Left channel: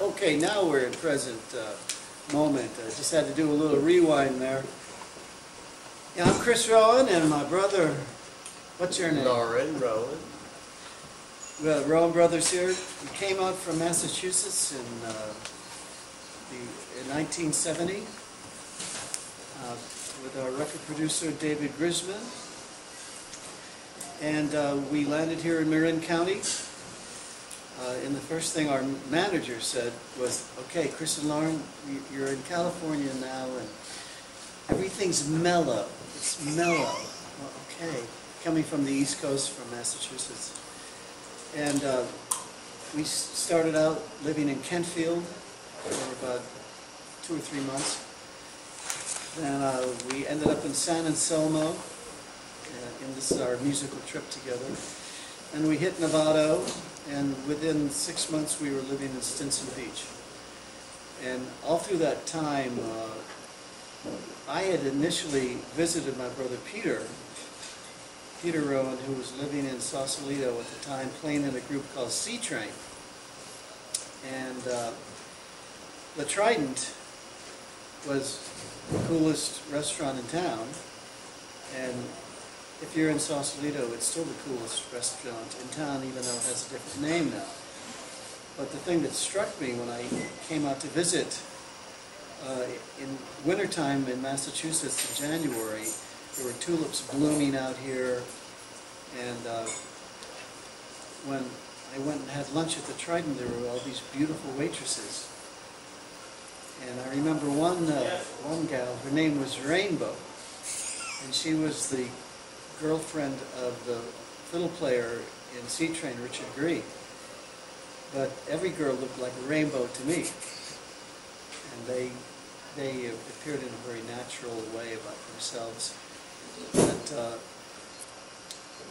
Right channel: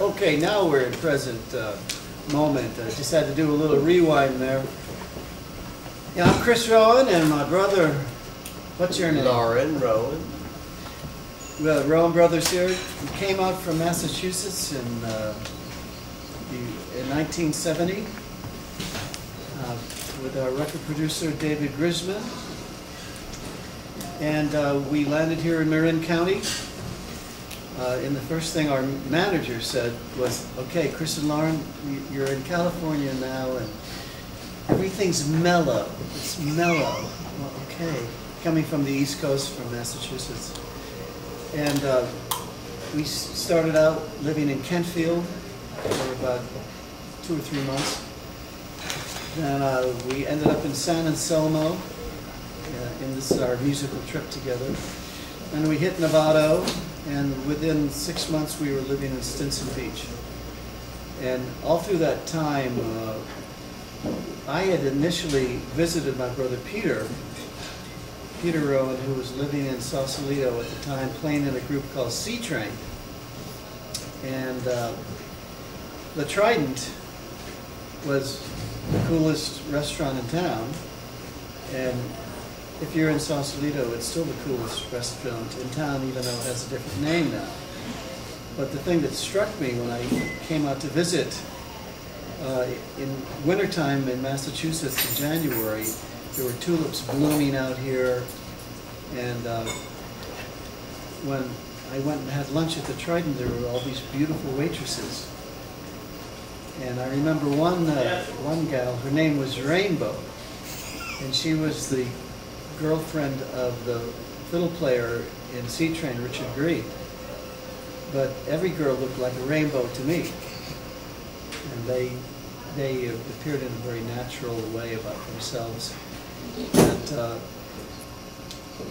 Okay, now we're in present moment. I just had to do a little rewind there. Yeah, I'm Chris Rowan, and my brother, what's your name? Lorin Rowan. We have Rowan Brothers here. We came out from Massachusetts in 1970 with our record producer David Grisman, and we landed here in Marin County. And the first thing our manager said was, "Okay, Chris and Lorin, you're in California now, and everything's mellow. It's mellow." Well, okay, coming from the East Coast, from Massachusetts. And we started out living in Kentfield for about 2 or 3 months. Then we ended up in San Anselmo, and this is our musical trip together. And we hit Novato, and within 6 months we were living in Stinson Beach. And all through that time, I had initially visited my brother Peter Rowan, who was living in Sausalito at the time, playing in a group called Sea Train. And the Trident was the coolest restaurant in town. And if you're in Sausalito, it's still the coolest restaurant in town, even though it has a different name now. But the thing that struck me when I came out to visit in wintertime in Massachusetts in January, there were tulips blooming out here, and when I went and had lunch at the Trident, there were all these beautiful waitresses. And I remember one gal, her name was Rainbow, and she was the girlfriend of the fiddle player in Sea Train, Richard Green. But every girl looked like a rainbow to me, and they appeared in a very natural way about themselves. That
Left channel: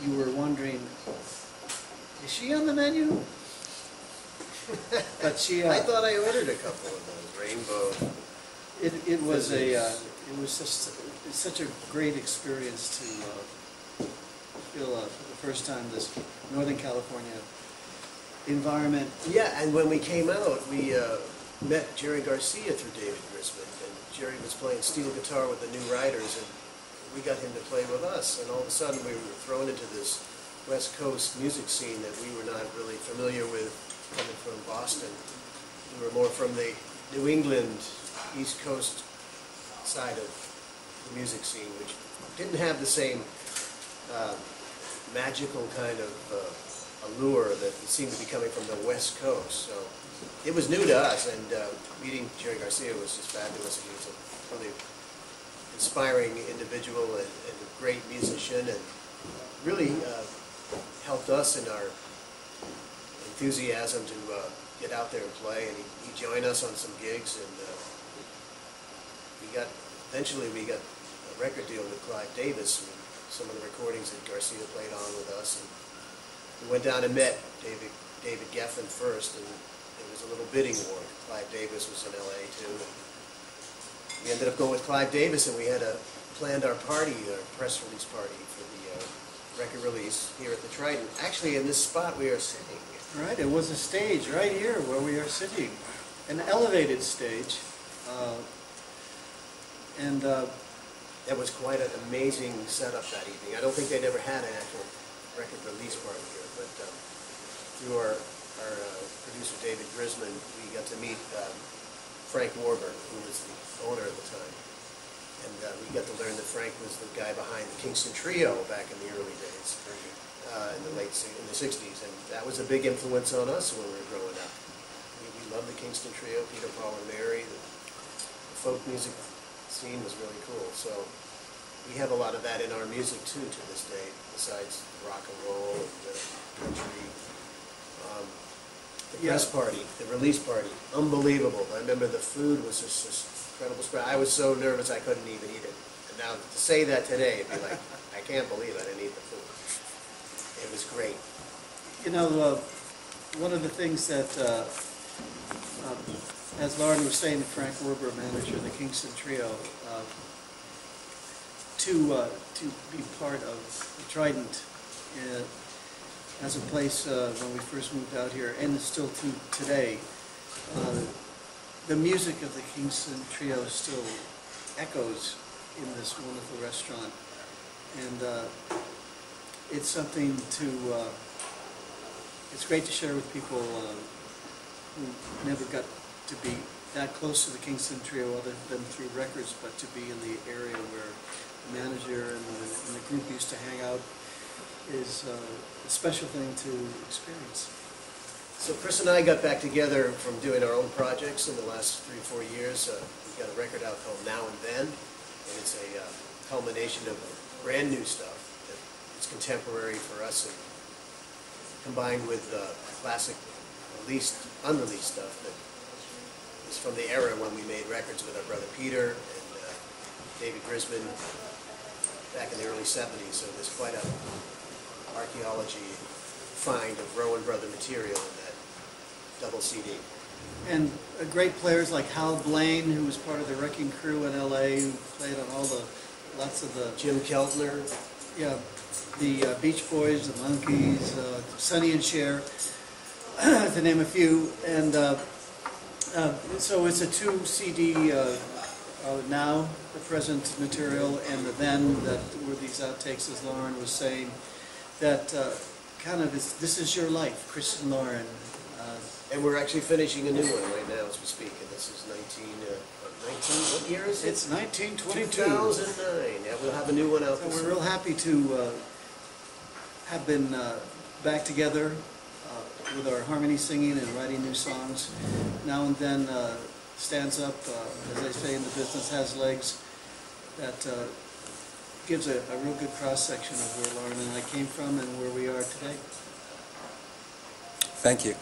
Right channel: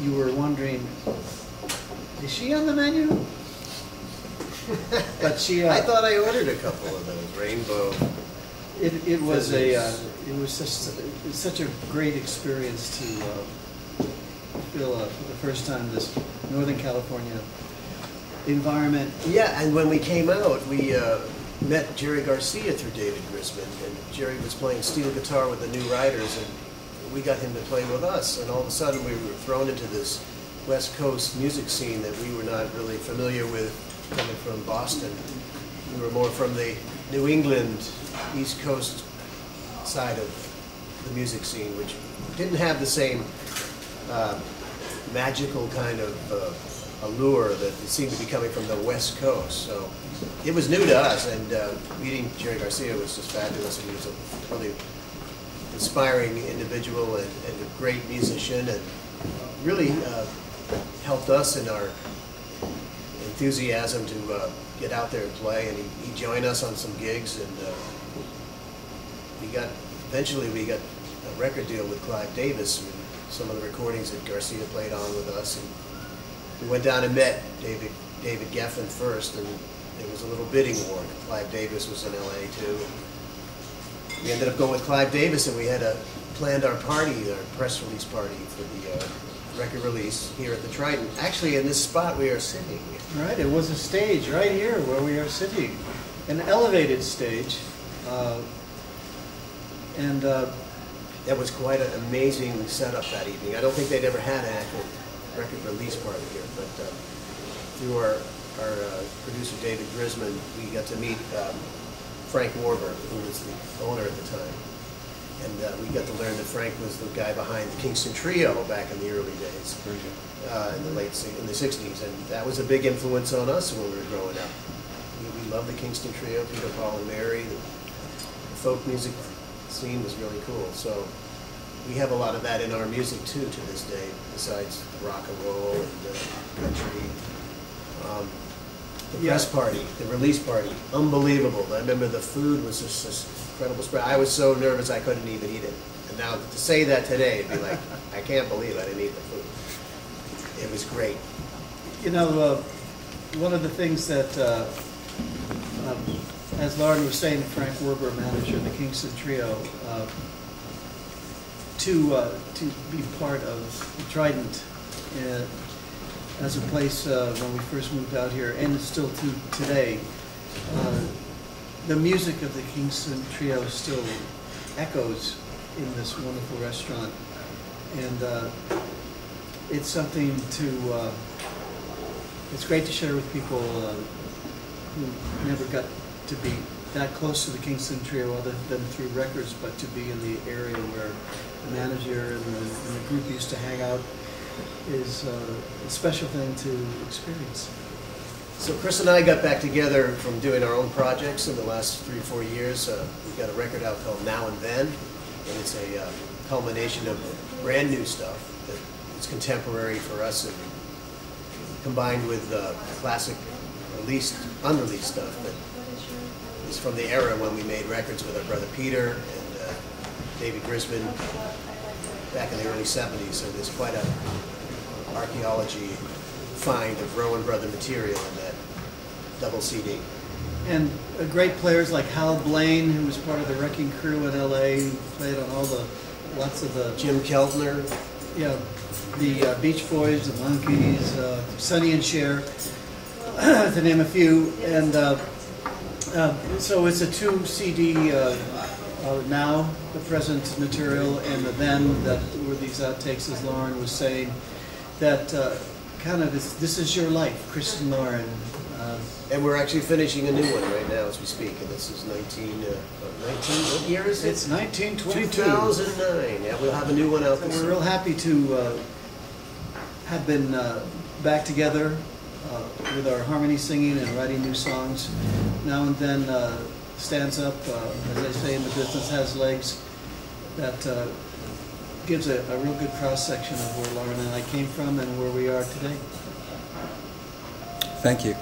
you were wondering, is she on the menu? But she. I thought I ordered a couple of those rainbow. It was such a great experience to feel for the first time this Northern California environment. Yeah, and when we came out, we met Jerry Garcia through David Grisman, and Jerry was playing steel guitar with the New Riders, and we got him to play with us, and all of a sudden we were thrown into this West Coast music scene that we were not really familiar with coming from Boston. We were more from the New England, East Coast side of the music scene, which didn't have the same magical kind of allure that seemed to be coming from the West Coast. So it was new to us, and meeting Jerry Garcia was just fabulous. He was a really inspiring individual and a great musician, and really helped us in our enthusiasm to get out there and play. And he joined us on some gigs, and eventually we got a record deal with Clive Davis. I mean, some of the recordings that Garcia played on with us, and we went down and met David Geffen first, and there was a little bidding war. Clive Davis was in LA too. We ended up going with Clive Davis, and we had planned our party, our press release party for the record release here at the Trident. Actually, in this spot we are sitting. Right, it was a stage right here where we are sitting, an elevated stage, and that was quite an amazing setup that evening. I don't think they'd ever had an actual record release party here, but through our producer David Grisman, we got to meet Frank Warburg, who was the owner at the time. And we got to learn that Frank was the guy behind the Kingston Trio back in the early days, in the 60s. And that was a big influence on us when we were growing up. We loved the Kingston Trio, Peter, Paul, and Mary. The folk music scene was really cool. So we have a lot of that in our music too to this day, besides rock and roll and country. The press party, the release party, unbelievable. I remember the food was just this incredible spread. I was so nervous I couldn't even eat it. And now to say that today, it'd be like, I can't believe I didn't eat the food. It was great. You know, one of the things that, as Lorin was saying, Frank Warburg, manager of the Kingston Trio, to be part of the Trident as a place when we first moved out here, and still to today. The music of the Kingston Trio still echoes in this wonderful restaurant, and it's something to, it's great to share with people who never got to be that close to the Kingston Trio other than through records, but to be in the area where the manager and the group used to hang out is a special thing to experience. So Chris and I got back together from doing our own projects in the last 3 or 4 years. We got a record out called Now and Then, and it's a culmination of brand new stuff that is contemporary for us, and combined with classic unreleased stuff that is from the era when we made records with our brother Peter and David Grisman back in the early 70s. So there's quite a archaeology find of Rowan Brother material in that double CD. And great players like Hal Blaine, who was part of the Wrecking Crew in LA, who played on lots of the... Jim Keltner. Yeah, the Beach Boys, the Monkees, Sonny and Cher, to name a few. And so it's a 2 CD now, the present material, and the then, that were these outtakes, as Lorin was saying, that kind of this is your life, Chris and Lorin. And we're actually finishing a new one right now as we speak, and this is 19, what year is it? It's 1922. 2009, yeah, we'll have a new one out So this we're real happy to have been back together with our harmony singing and writing new songs. Now and Then stands up, as they say in the business, has legs, that gives a real good cross-section of where Lorin and I came from and where we are today. Thank you.